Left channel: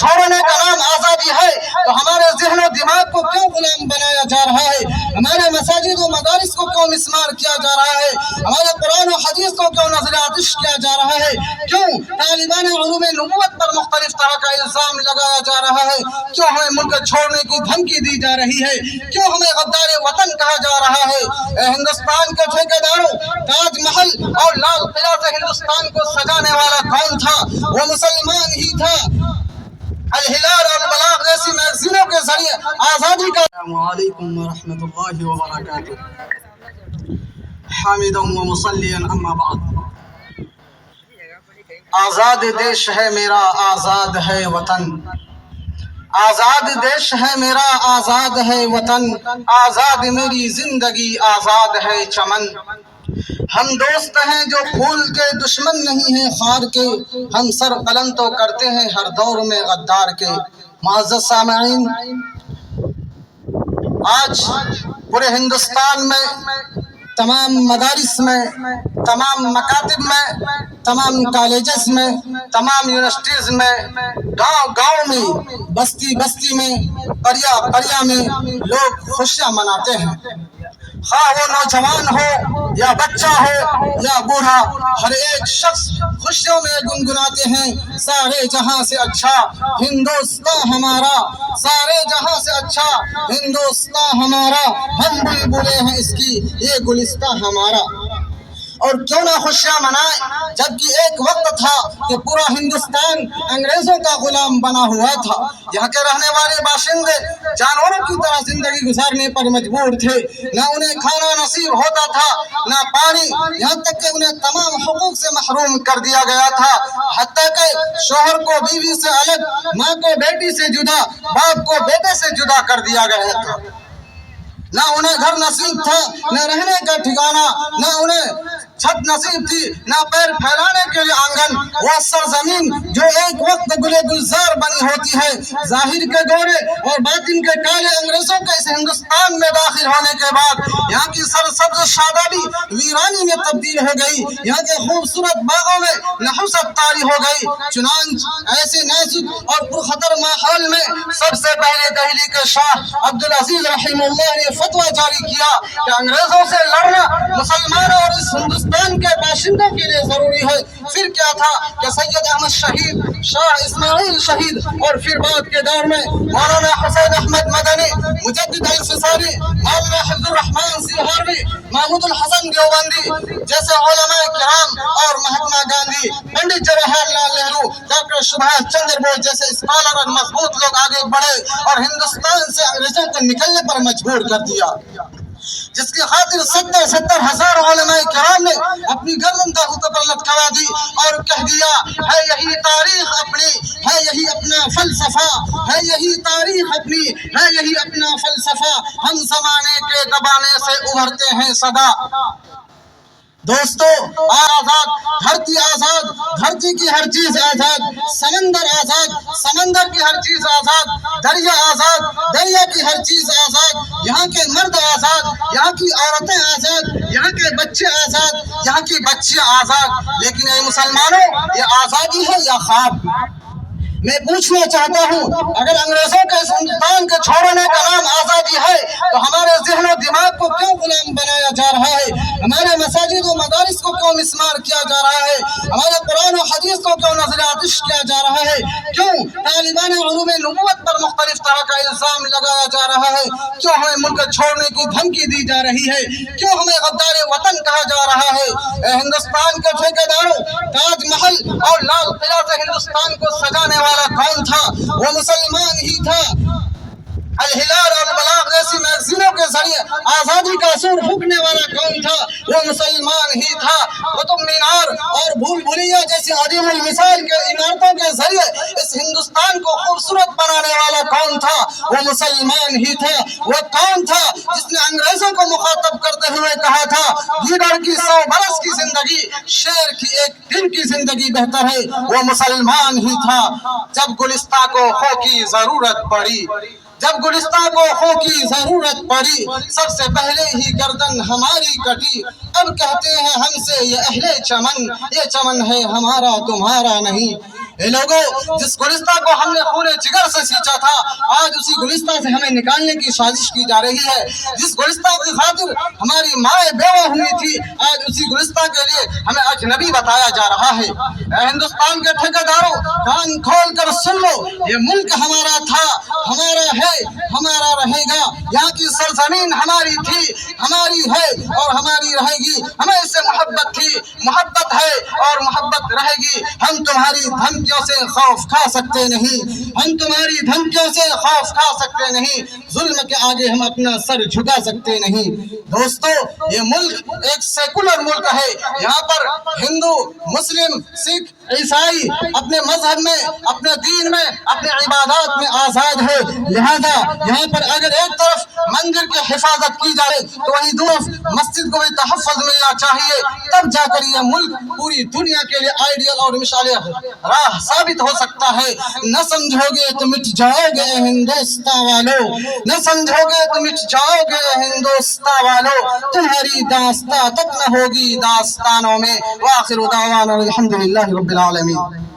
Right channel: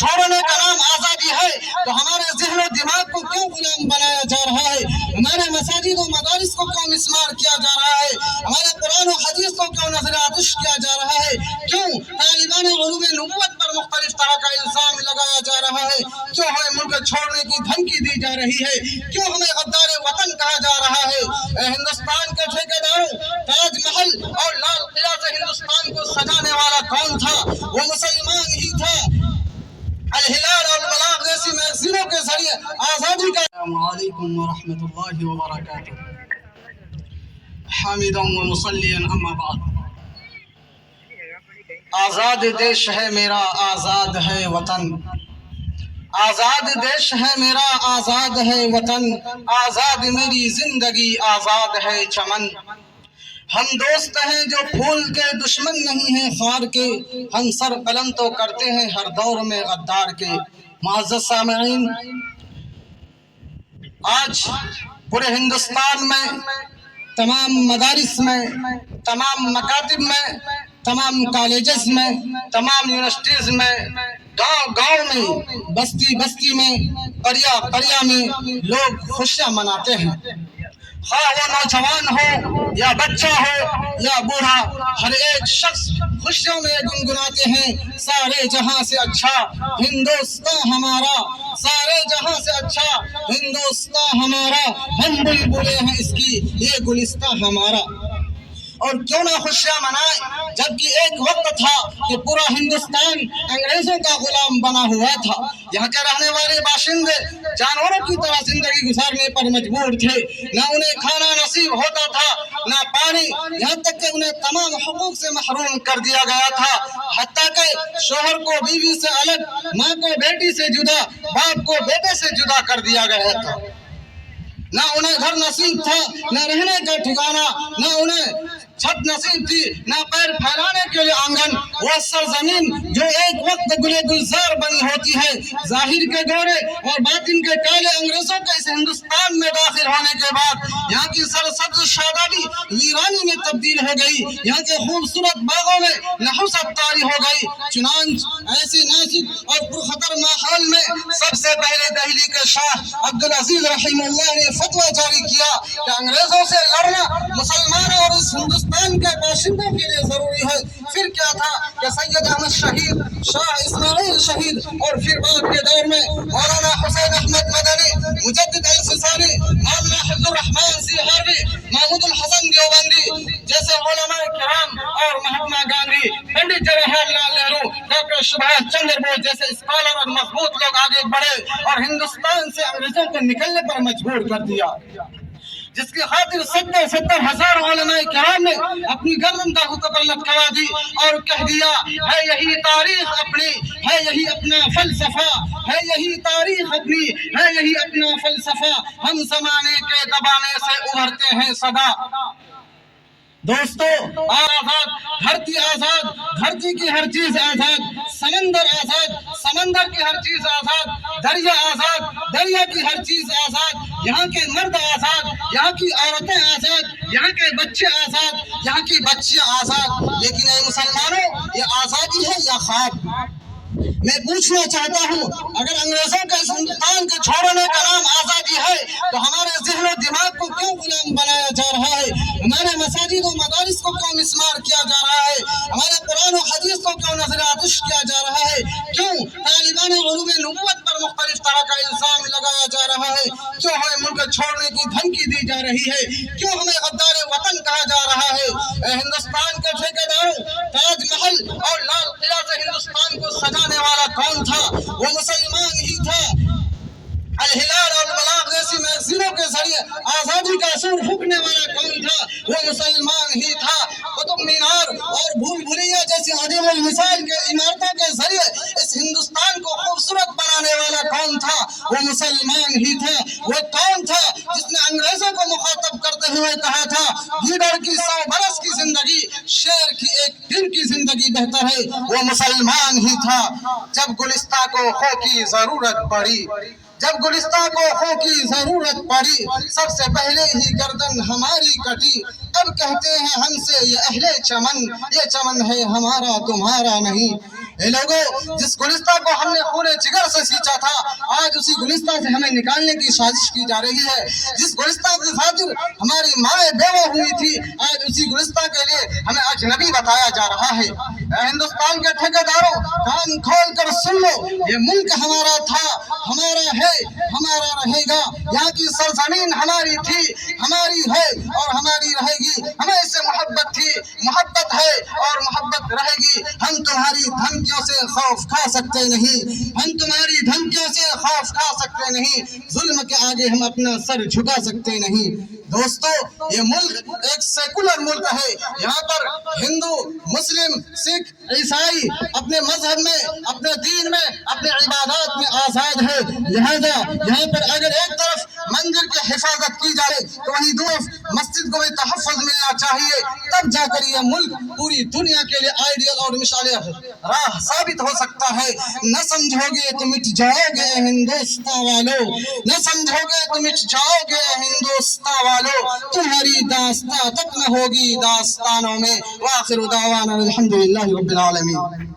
چھوڑنے کا نام آزادی ہے تو ہمارے ذہن و دماغ کو کیوں غلام بنایا جا رہا ہے؟ ہمارے مساجد و مدارس کو کیوں مسمار کیا جا رہا ہے؟ ہمارے قرآن و حدیث کو کیوں نظر آتش کیا جا رہا ہے؟ کیوں طالبان علوم نبوت پر مختلف طرح کا الزام لگایا جا رہا ہے؟ کیوں ہمیں ملک چھوڑنے کی دھمکی دی جا رہی ہے؟ کیوں ہمیں غدار وطن کہا جا رہا ہے؟ اے ہندوستان کے ٹھیکیداروں، تاج محل اور لال قلعہ سے ہندوستان کو سجانے والا کون تھا؟ وہ مسلمان ہی تھا۔ الہلال اور البلاغ جیسی میگزینوں کے ذریعے آزادی کا السلام علیکم ورحمۃ اللہ وبرکاتہ۔ حامدا و مصلیا اما بعد۔ آزاد دیش ہے میرا، آزاد ہے وطن، آزاد دیش ہے میرا، آزاد ہے وطن، آزاد میری زندگی، آزاد ہے چمن۔ ہم دوست ہیں جو پھول کے، دشمن نہیں ہیں خار کے، ہم سر قلم تو کرتے ہیں ہر دور میں غدار کے۔ معزز سامعین، آج پورے ہندوستان میں تمام مدارس میں، تمام مکاتب میں، تمام کالجز میں، تمام یونیورسٹیز میں، گاؤں گاؤں میں، بستی بستی میں، قریہ قریہ میں لوگ خوشیاں مناتے ہیں۔ خواہ وہ نوجوان ہو یا بچہ ہو یا بوڑھا، ہر ایک شخص خوشیوں میں گنگناتے ہیں۔ سارے جہاں سے اچھا ہندوستان ہمارا، سارے جہاں سے اچھا ہندوستان ہمارا، ہم بلبلیں ہیں اس کی، یہ گلستان ہمارا۔ اور کیوں نہ خوشیاں منائیں، جبکہ ایک وقت تھا کہ پورا ہندوستان انگریزوں کا غلام بنا ہوا تھا۔ یہاں کے رہنے والے باشندے جانوروں کی طرح زندگی گزارنے پر مجبور تھے۔ نہ انہیں کھانا نصیب ہوتا تھا، نہ پانی، یہاں تک کہ انہیں تمام حقوق سے محروم کر دیا گیا تھا، حتیٰ کہ شوہر کو بیوی سے الگ، ماں کو بیٹی سے جدا، باپ کو بیٹے سے جدا کر دیا گیا تھا۔ نہ انہیں گھر نصیب تھا، نہ رہنے کا ٹھکانہ، نہ انہیں چھت نصیب تھی، نہ پیر پھیلانے کے لیے آنگن۔ وہ سرزمین جو ایک وقت گلے گلزار بنی ہوتی ہے، ظاہر کے گورے اور باطن کے کالے انگریزوں کے اس ہندوستان میں داخل ہونے کے بعد یہاں کی سرسبز شادابی ویرانی میں تبدیل ہو گئی، یہاں کے خوبصورت باغوں میں نحوست طاری ہو گئی۔ چنانچہ ایسے نازک اور پرخطر ماحول میں سب سے پہلے دہلی کے شاہ عبدالعزیز رحمہ اللہ نے فتویٰ جاری کیا کہ انگریزوں سے لڑنا مسلمانوں اور اس ہندوستان کے باشندوں کے لیے ضروری ہے۔ پھر کیا تھا کہ سید احمد شہید، شاہ اسماعیل شہید، اور پھر بعد کے دور میں مولانا حسین احمد مدنی، مجدد الفسانی، مولانا حفظ الرحمان سیہاروی، محمود الحسن دیوبندی جیسے علماء کرام، اور مہاتما گاندھی، پنڈت جواہر لال نہرو، ڈاکٹر سبھاش چندر بوس جیسے اسکالر اور مضبوط لوگ آگے بڑھے اور ہندوستان سے انگریزوں کو نکلنے پر مجبور کر دیا، جس کی خاطر 70,000 علماء کرام نے اپنی گردن تاغوت پر لٹکا دی اور کہہ دیا ہے یہی تاریخ اپنی، ہے یہی اپنا فلسفہ، ہے یہی تاریخ اپنی، ہے یہی اپنا فلسفہ، ہم زمانے کے دبانے سے ابھرتے ہیں سدا۔ دوستو، آزاد دھرتی، آزاد دھرتی کی ہر چیز آزاد، سمندر آزاد، سمندر کی ہر چیز آزاد، دریا آزاد، دریا کی ہر چیز آزاد، یہاں کے مرد آزاد، یہاں کی عورتیں آزاد، یہاں کے بچے آزاد، یہاں کی بچیاں آزاد۔ لیکن اے مسلمانوں، یہ آزادی ہے یا خواب؟ میں پوچھنا چاہتا ہوں، اگر انگریزوں کے اس ہندوستان کے چھوڑنے کا نام آزادی ہے تو ہمارے ذہن و دماغ کو کیوں غلام بنایا جا رہا ہے؟ ہمارے مساجد و مدارس کو کیوں مسمار کیا جا رہا ہے؟ ہمارے قرآن و حدیث کو کیوں نظر آتش کیا جا رہا ہے؟ کیوں طالبان علوم نبوت پر مختلف طرح کا الزام لگایا جا رہا ہے؟ کیوں ہمیں ملک چھوڑنے کی دھمکی دی جا رہی ہے؟ کیوں ہمیں غدار وطن کہا جا رہا ہے؟ اے ہندوستان کے ٹھیکیداروں، تاج محل اور لال قلعہ سے ہندوستان کو سجانے والا کون تھا؟ وہ مسلمان ہی تھا۔ الہلال اور البلاغ جیسی میگزینوں کے ذریعے آزادی کا اصول پھونکنے والا کون تھا؟ وہ مسلمان ہی تھا۔ قطب مینار اور بھول بھلیاں جیسی عظیم المثال کے عمارتوں کے ذریعے اس ہندوستان کو خوبصورت بنانے والا کون تھا؟ وہ مسلمان ہی تھا۔ وہ کون تھا جس نے انگریزوں کو مخاطب کرتے ہوئے کہا تھا گیدڑ کی 100 برس کی زندگی شیر کی ایک دن کی زندگی بہتر ہے؟ وہ مسلمان ہی تھا۔ جب گلستہ کو خو کی ضرورت پڑی، جب گلستہ کو خو کی ضرورت پڑی، سب سے پہلے ہی گردن ہماری کٹی۔ اب کہتے ہیں ہم سے یہ اہل چمن، یہ چمن ہے ہمارا تمہارا نہیں۔ اے لوگو، جس گلستہ کو ہم نے خون تھا آج اسی گلستہ سے ہمیں نکالنے کی سازش کی جا رہی ہے. جس گلستہ کی خاطر ہماری مائیں بیوہ ہوئی تھی آج اسی گلستہ کے لیے ہمیں اجنبی بتایا جا رہا ہے. اے ہندوستان کے ٹھیکیداروں کان کھول کر سن لو, یہ ملک ہمارا تھا, ہمارا ہے, ہمارا رہے گا. یہاں کی سرزمین ہماری تھی, ہماری ہے اور ہماری رہے گی. ہمیں اس سے محبت تھی, محبت ہے اور محبت رہے گی. ہم تمہاری دھمکیوں سے خوف کھا سکتے نہیں, ہم تمہاری دھمکیوں سے خوف کھا سکتے نہیں. ظلم کے آگے ہم اپنا سر جھکا سکتے نہیں. دوستو یہ ملک ایک سیکولر ملک ہے. یہاں پر ہندو, مسلم, سکھ, عیسائی اپنے مذہب میں, اپنے دین میں, اپنے عبادات میں آزاد ہے. لہذا یہاں پر اگر ایک طرف مندر کی حفاظت کی جائے تو وہیں دوسری مسجد کو بھی تحفظ ملنا چاہیے. تب جا کر یہ ملک پوری دنیا کے لیے آئیڈیل اور مثال راہ ثابت ہو سکتا ہے. نہ سمجھو گے تو مٹ جاؤ گے ہندوستان والو, نہ سمجھو گے تو مٹ جاؤ گے ہندوستان والو. تمہاری داستان تک نہ ہوگی داستانوں میں. وآخر دعوانا الحمدللہ رب العالمین.